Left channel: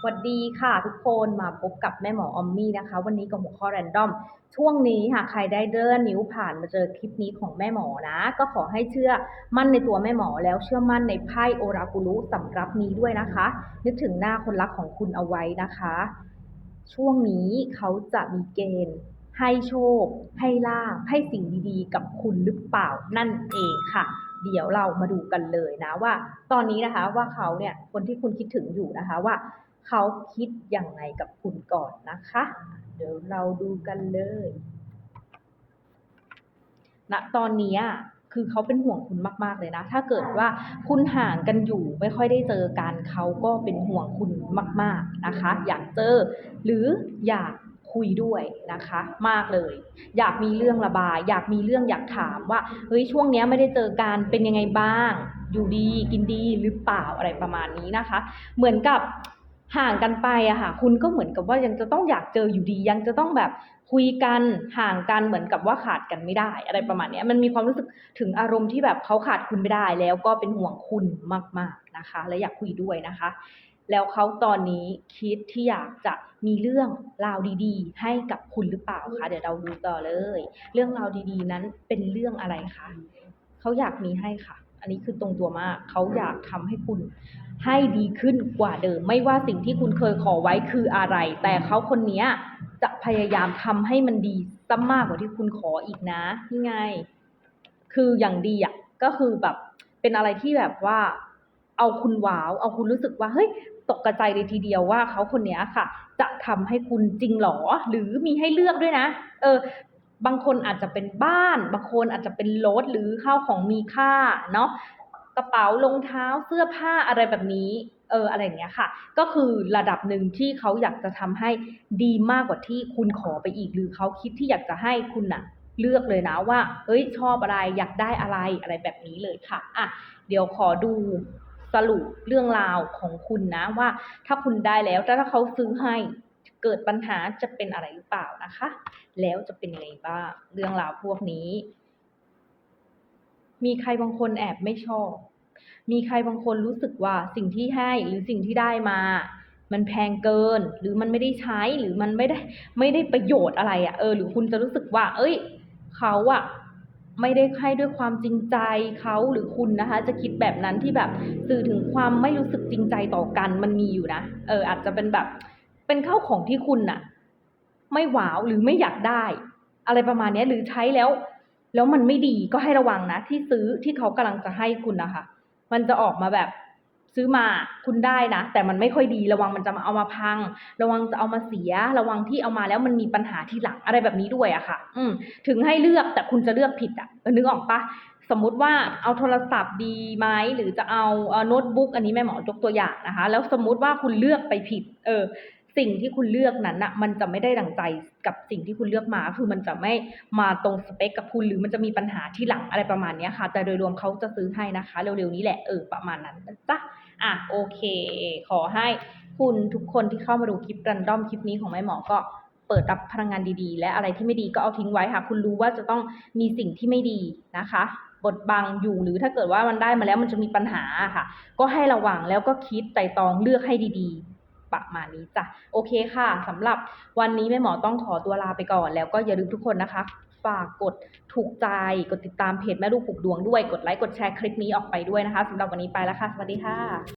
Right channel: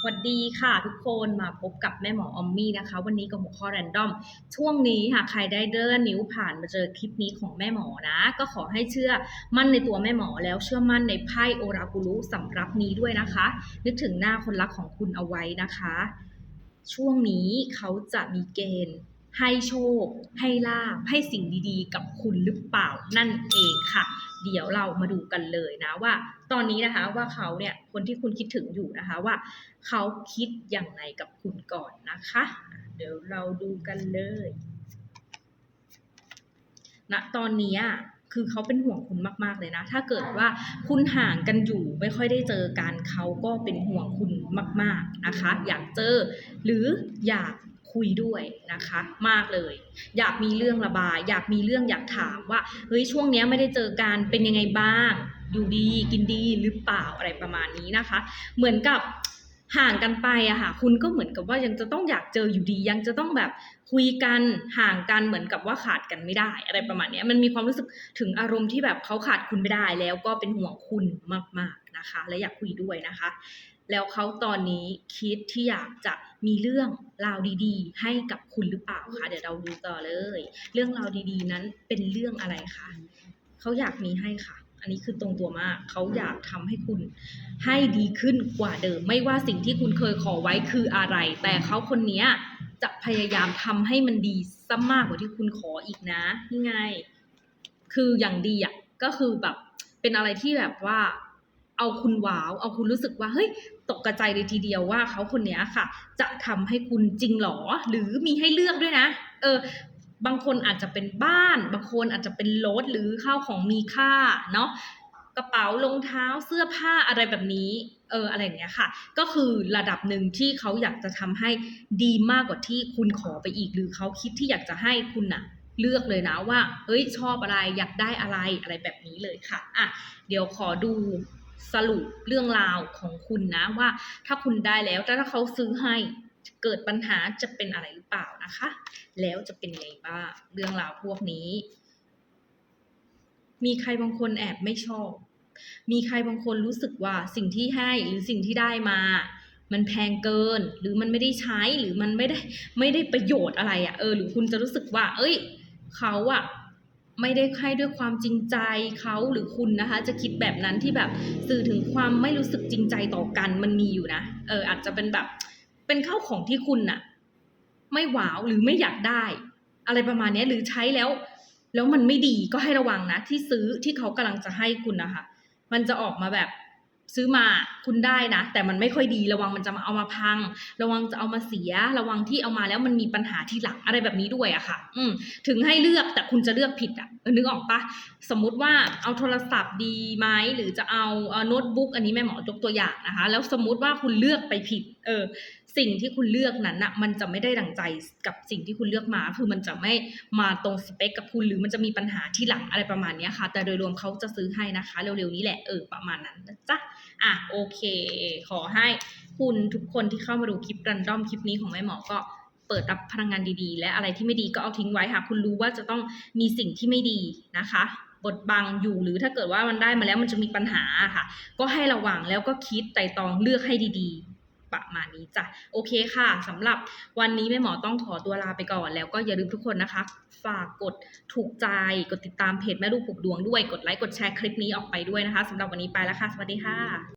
สวัสดีค่ะทุกคนมาพบกับแม่หมอออมมี่นะคะ วันนี้กับหัวข้อแรนดอม ช่วงนี้หากใครได้เดินนิ้วผ่านมาเจอคลิปนี้ของแม่หมอนะ ก็ขอให้เชื่อมั่นในตัวแม่หมอแล้วเชื่อมั่นในไพ่โอรากุลุสำรับนี้ด้วยนะคะ นึกถึงหน้าคนรักของคุณเอาไว้นะคะ ช่วงนี้เขาจะมีเกณฑ์ ให้โชค ให้ลาภให้สิ่งดีๆ กับคุณหรือเปล่านั่นเองค่ะ เดี๋ยวเรามาดูกันเลยนะว่า ตอนนี้นะคะว่าเขาเนี่ยคนที่คุณคิดถึงอยู่นะคะว่า เขาคิดอย่างไรกับคุณก่อนนะคะ เดี๋ยวเราดูกันเลยณตอนนี้คือเขาเป็นห่วงคุณมากๆเลยนะ ถ้าเกิดว่าคุณห่างกันอยู่ไม่ค่อยได้เจอกันเขาก็เป็นห่วงคุณมาก ๆนะคะ อยากเจอ หรืออยาก คุยด้วยนะคะมากเลย อยากมีเรื่องระบาย อยากมีเรื่องอยากถามว่าเฮ้ยช่วงนี้ไม่ได้เจอกันเป็นยังไงบ้าง อยู่ดีกินดีหรือเปล่าอะไรประมาณนี้นะคะ เหมือนกับห่างกันไปอะค่ะคุณก็เหมือนกับว่ายังจะต้องอยากเจออยู่ดียังจะต้องแบบคุยกันห่างกันเหมือนกับว่าขาดกันไม่ได้ อะไรประมาณนี้มันมีความรู้สึกถึงอารมณ์ที่แบบเขาขาดคุณไม่ได้แล้วก็เป็นห่วงคุณมากๆนะคะ และอยากคุยด้วยนะคะ แล้วเขาตอนนี้คิดที่อยากจะมีเรื่องราวดีๆ ให้กับคุณหรือเปล่าคะเดี๋ยวเราดูต่อเลย เรื่องราวดีๆ นั้นเป็นเรื่องอะไรคะเขาอยากมีให้ค่ะ อันนี้คือตรงตัวมากเขาอยากทำให้คุณให้ดีขึ้นกว่าเดิม ไม่ว่าสิ่งที่คุณเคยขอไว้คืออะไร แต่เขาคนเนี้ยจะพยายามทำให้มันดีซะมากกว่าที่คุณขออีกนะนี่ไง คืออย่างดีอะก็คือแบบเป็นอะไรที่แบบว่า เอาคุณว้าว เอาคุณรู้สึกว่าเฮ้ยตกกระใจเลยทีเดียวว่าเขาคนนี้ค่ะ จะทำให้คุณจริงหรอ หรือมีให้เลือกด้วยนะ เออบางคนอาจจะเป็นบ้าน บางคนอาจจะเป็นรถหรือข้าวของมีค่าเนาะกระเป๋ารองเท้าเสื้อผ้าอะไรแบบนี้ เอออะไรอย่างเงี้ยค่ะ ก็คือระดับหนึ่งที่เขาอยากจะทำให้ดีมากกว่าที่คุณขอไปอีก หรือเขาคิดที่อยากจะให้คุณน่ะเลือกเลยนะว่า เอ้ยชอบอะไรอยากได้อะไรอะไรแบบนี้เลยค่ะ อะ เดี๋ยวขอดู สรุปเรื่องราวของคุณนะว่าถ้าคุณได้แล้วแต่ถ้าเขาซื้อให้เกิดปัญหาจะเป็นอะไรหรือเปล่านะคะ แล้วจะเป็นไงบ้างเรื่องราวพวกนี้ มีใครบางคนแอบไม่ชอบ มีใครบางคนรู้สึกว่าสิ่งที่ให้หรือสิ่งที่ได้มา มันแพงเกิน หรือมันไม่ได้ใช้หรือมันไม่ได้ไม่ได้ประโยชน์อะไรอะ่ะเออหรือคุณจะรู้สึกว่า เอ้ย เขาอะ ไม่ได้ให้ด้วยความจริงใจเขาหรือคุณนะคะ จะคิดแบบนั้นที่แบบสื่อถึงความไม่รู้สึกจริงใจต่อกันมันมีอยู่นะเอออาจจะเป็นแบบเป็นข้าวของที่คุณน่ะ ไม่หวาวหรือไม่อยากได้ อะไรประมาณนี้หรือใช้แล้ว แล้วมันไม่ดีก็ให้ระวังนะ ที่ซื้อที่เขากำลังจะให้คุณนะคะ มันจะออกมาแบบ ซื้อมาคุณได้นะ แต่มันไม่ค่อยดีระวังมันจะมาเอามาพัง ระวังจะเอามาเสีย ระวังที่เอามาแล้วมันมีปัญหาที่หลังอะไรแบบนี้ด้วยอะค่ะ อืมถึงให้เลือกแต่คุณจะเลือกผิดอะนึกออกปะสมมุติว่าเอาโทรศัพท์ดีไหมหรือจะเอาเอ่อโน้ตบุ๊กอันนี้แม่หมอยกตัวอย่างนะคะ แล้วสมมุติว่าคุณเลือกไปผิด เออ สิ่งที่คุณเลือกนั้นนะมันจะไม่ได้ดังใจกับสิ่งที่คุณเลือกมา คือมันจะไม่มาตรงสเปคกับคุณหรือมันจะมีปัญหาที่หลังอะไรประมาณนี้ค่ะ แต่โดยรวมเขาจะซื้อให้นะคะ เร็วๆนี้แหละเออประมาณนั้นนะจ๊ะ อะโอเค ขอให้คุณทุกคนที่เข้ามาดูคลิปรันดอมคลิปนี้ของแม่หมอก็เปิดรับพลังงานดีๆ และอะไรที่ไม่ดีก็เอาทิ้งไว้ค่ะ คุณรู้ว่าจะต้องมีสิ่งที่ไม่ดีนะคะ บทบังอยู่หรือถ้าเกิดว่ามันได้มาแล้วมันจะมีปัญหาค่ะ ก็ให้ระวังแล้วก็คิดไต่ตองเลือกให้ดีๆ ประมาณนี้จ้ะโอเคค่ะสำหรับวันนี้แม่หมอต้องขอตัวลาไปก่อน แล้วก็อย่าลืมทุกคนนะคะ ฝากกดถูกใจกดติดตามเพจแม่ลูกปลูกดวงด้วยกดไลค์กดแชร์คลิปนี้ออกไปด้วยนะคะสำหรับวันนี้ไปแล้วค่ะ สวัสดีค่ะ